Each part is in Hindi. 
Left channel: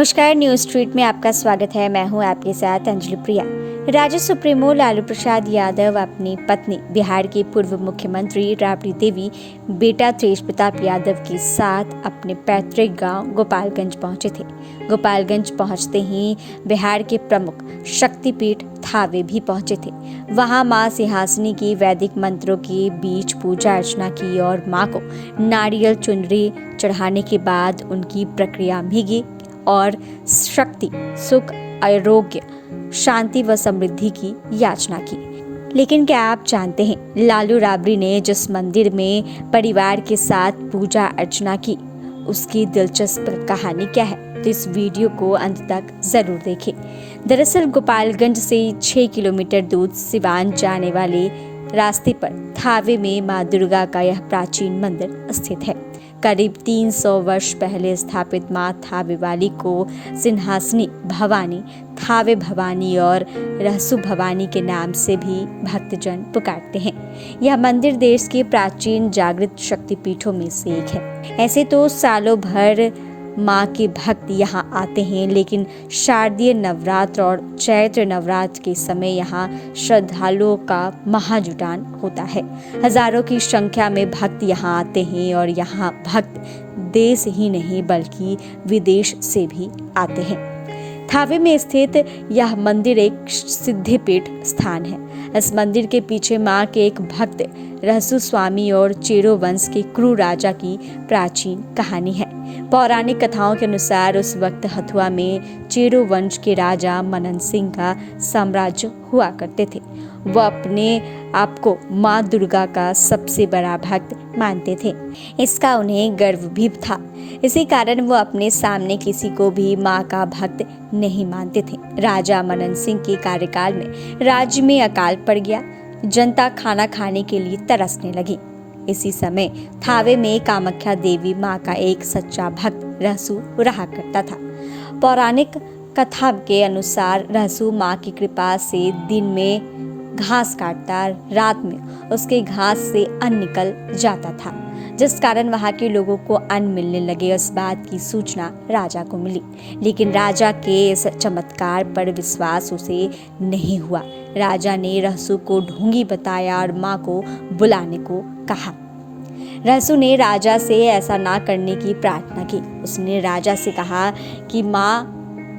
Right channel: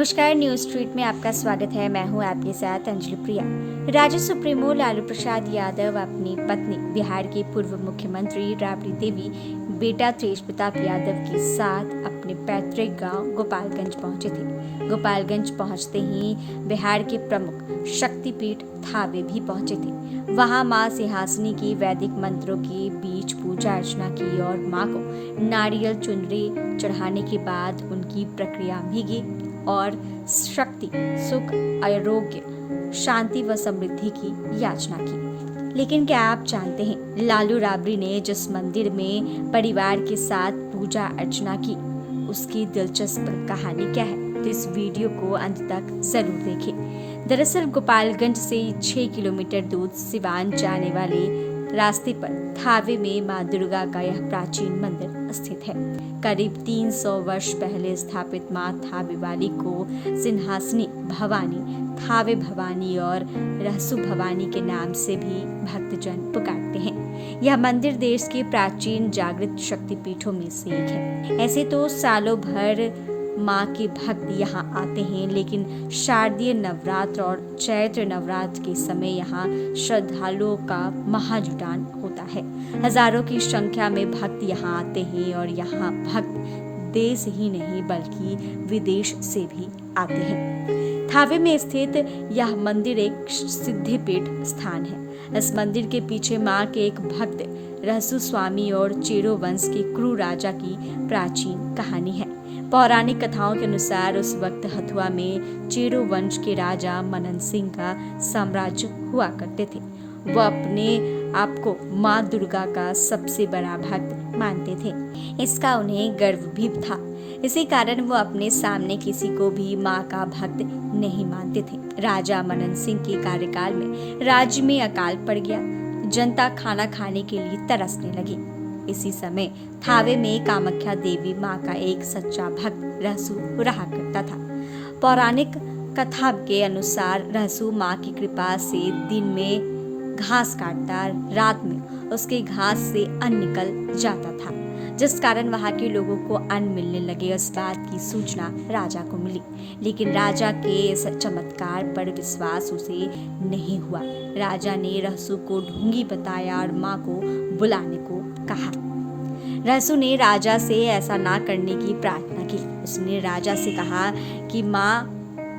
नमस्कार, न्यूज स्ट्रीट में आपका स्वागत है। मैं हूं आपके साथ अंजलि प्रिया। राज्य सुप्रीमो लालू प्रसाद यादव अपनी पत्नी बिहार के पूर्व मुख्यमंत्री राबड़ी देवी, बेटा तेज प्रताप यादव के साथ अपने पैतृक गांव गोपालगंज पहुंचे थे। गोपालगंज पहुंचते ही बिहार के प्रमुख शक्तिपीठ थावे भी पहुंचे थे। वहां मां सिंहासनी की वैदिक मंत्रों के बीच पूजा अर्चना की और मां को नारियल चुनरी चढ़ाने के बाद उनकी प्रक्रिया भीगी और शक्ति, सुख, आरोग्य, शांति व समृद्धि की याचना की। लेकिन क्या आप जानते हैं, लालू राबड़ी ने जिस मंदिर में परिवार के साथ पूजा अर्चना की, उसकी दिलचस्प कहानी क्या है? तो इस वीडियो को अंत तक जरूर देखें। दरअसल गोपालगंज से 6 किलोमीटर दूर सिवान जाने वाले रास्ते पर थावे में मां दुर्गा का यह प्राचीन मंदिर स्थित है। करीब 300 वर्ष पहले स्थापित मां थावे वाली को सिंहासनी भवानी, थावे भवानी और रहसु भवानी के नाम से भी भक्तजन पुकारते हैं। यह मंदिर देश के प्राचीन जागृत शक्तिपीठों में से एक है। ऐसे तो सालों भर मां के भक्त यहाँ आते हैं, लेकिन शारदीय नवरात्र और चैत्र नवरात्र के समय यहाँ श्रद्धालुओं का महाजुटान होता है। हजारों की संख्या में भक्त यहाँ आते हैं और यहाँ भक्त देश ही नहीं बल्कि विदेश से भी आते हैं। थावे में स्थित यह मंदिर एक सिद्धिपीठ स्थान है। इस मंदिर के पीछे मां के एक भक्त रहसु स्वामी और चेरो वंश के क्रू राजा की प्राचीन कहानी है। पौराणिक कथाओं के अनुसार उस वक्त हथुआ में चेरो वंश के राजा मनन सिंह का साम्राज्य हुआ करते थे। वो अपने आप को मां दुर्गा का सबसे बड़ा भक्त मानते थे। इसका उन्हें गर्व भी था। इसी कारण वो अपने सामने किसी को भी मां का भक्त नहीं मानते थे। राजा मनन सिंह के कार्यकाल में राज्य में अकाल पड़ गया। जनता खाना खाने के लिए तरसने लगी। इसी समय थावे में कामाख्या देवी मां का एक सच्चा भक्त रहसु रहा करता था। पौराणिक कथा के अनुसार रहसु मां की कृपा से दिन में घास काटता, रात में उसके घास से अन्न निकल जाता था, जिस कारण वहां के लोगों को अन्न मिलने लगे। इस बात की सूचना राजा को मिली, लेकिन राजा के इस चमत्कार पर विश्वास उसे नहीं हुआ। राजा ने रहसु को ढोंगी बताया और मां को बुलाने को कहा। रहसु ने राजा से ऐसा ना करने की प्रार्थना की। उसने राजा से कहा कि मां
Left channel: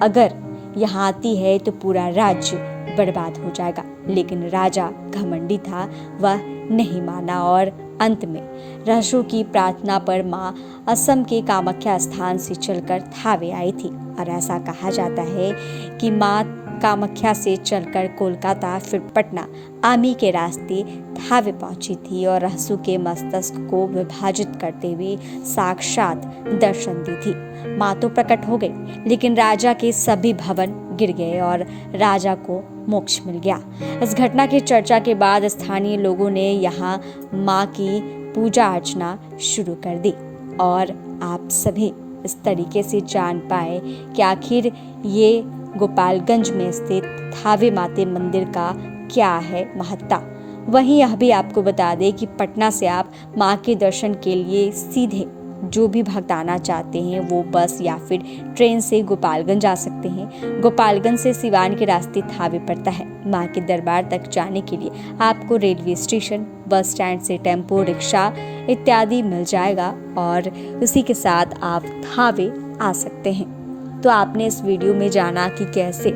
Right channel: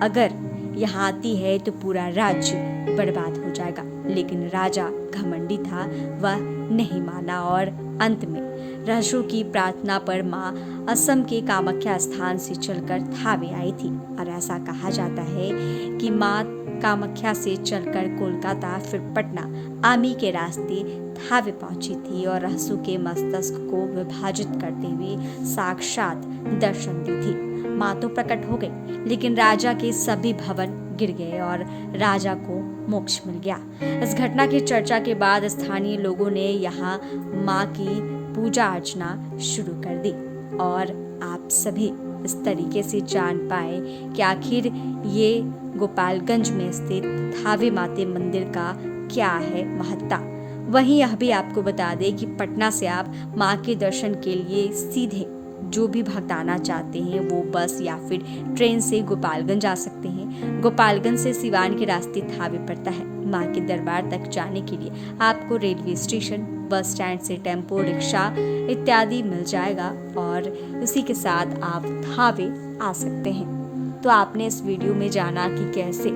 अगर यहाँ आती है तो पूरा राज्य बर्बाद हो जाएगा। लेकिन राजा घमंडी था, वह नहीं माना और अंत में रहसु की प्रार्थना पर मां असम के कामाख्या स्थान से चलकर थावे आई थी। और ऐसा कहा जाता है कि मां कामाख्या से चलकर कोलकाता, फिर पटना, आमी के रास्ते थावे पहुंची थी और रहसु के मस्तक को विभाजित करते हुए साक्षात दर्शन दी थी। मां तो प्रकट हो गई, लेकिन राजा के सभी भवन गिर गए और राजा को मोक्ष मिल गया। इस घटना की चर्चा के बाद स्थानीय लोगों ने यहाँ मां की पूजा अर्चना शुरू कर दी और आप सभी इस तरीके से जान पाए कि आखिर ये गोपालगंज में स्थित थावे माते मंदिर का क्या है महत्ता। वहीं यह भी आपको बता दें कि पटना से आप मां के दर्शन के लिए सीधे जो भी भक्त आना चाहते हैं वो बस या फिर ट्रेन से गोपालगंज आ सकते हैं। गोपालगंज से सिवान के रास्ते थावे पड़ता है। मां के दरबार तक जाने के लिए आपको रेलवे स्टेशन, बस स्टैंड से टेम्पो, रिक्शा इत्यादि मिल जाएगा और इसी के साथ आप थावे आ सकते हैं। तो आपने इस वीडियो में जाना कि कैसे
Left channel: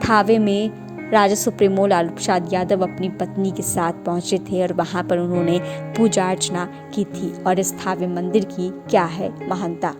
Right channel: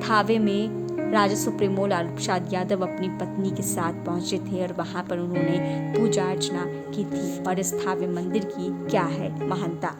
थावे में राजा सुप्रीमो लालू प्रसाद यादव अपनी पत्नी के साथ पहुंचे थे और वहां पर उन्होंने पूजा अर्चना की थी और इस थावे मंदिर की क्या है महानता।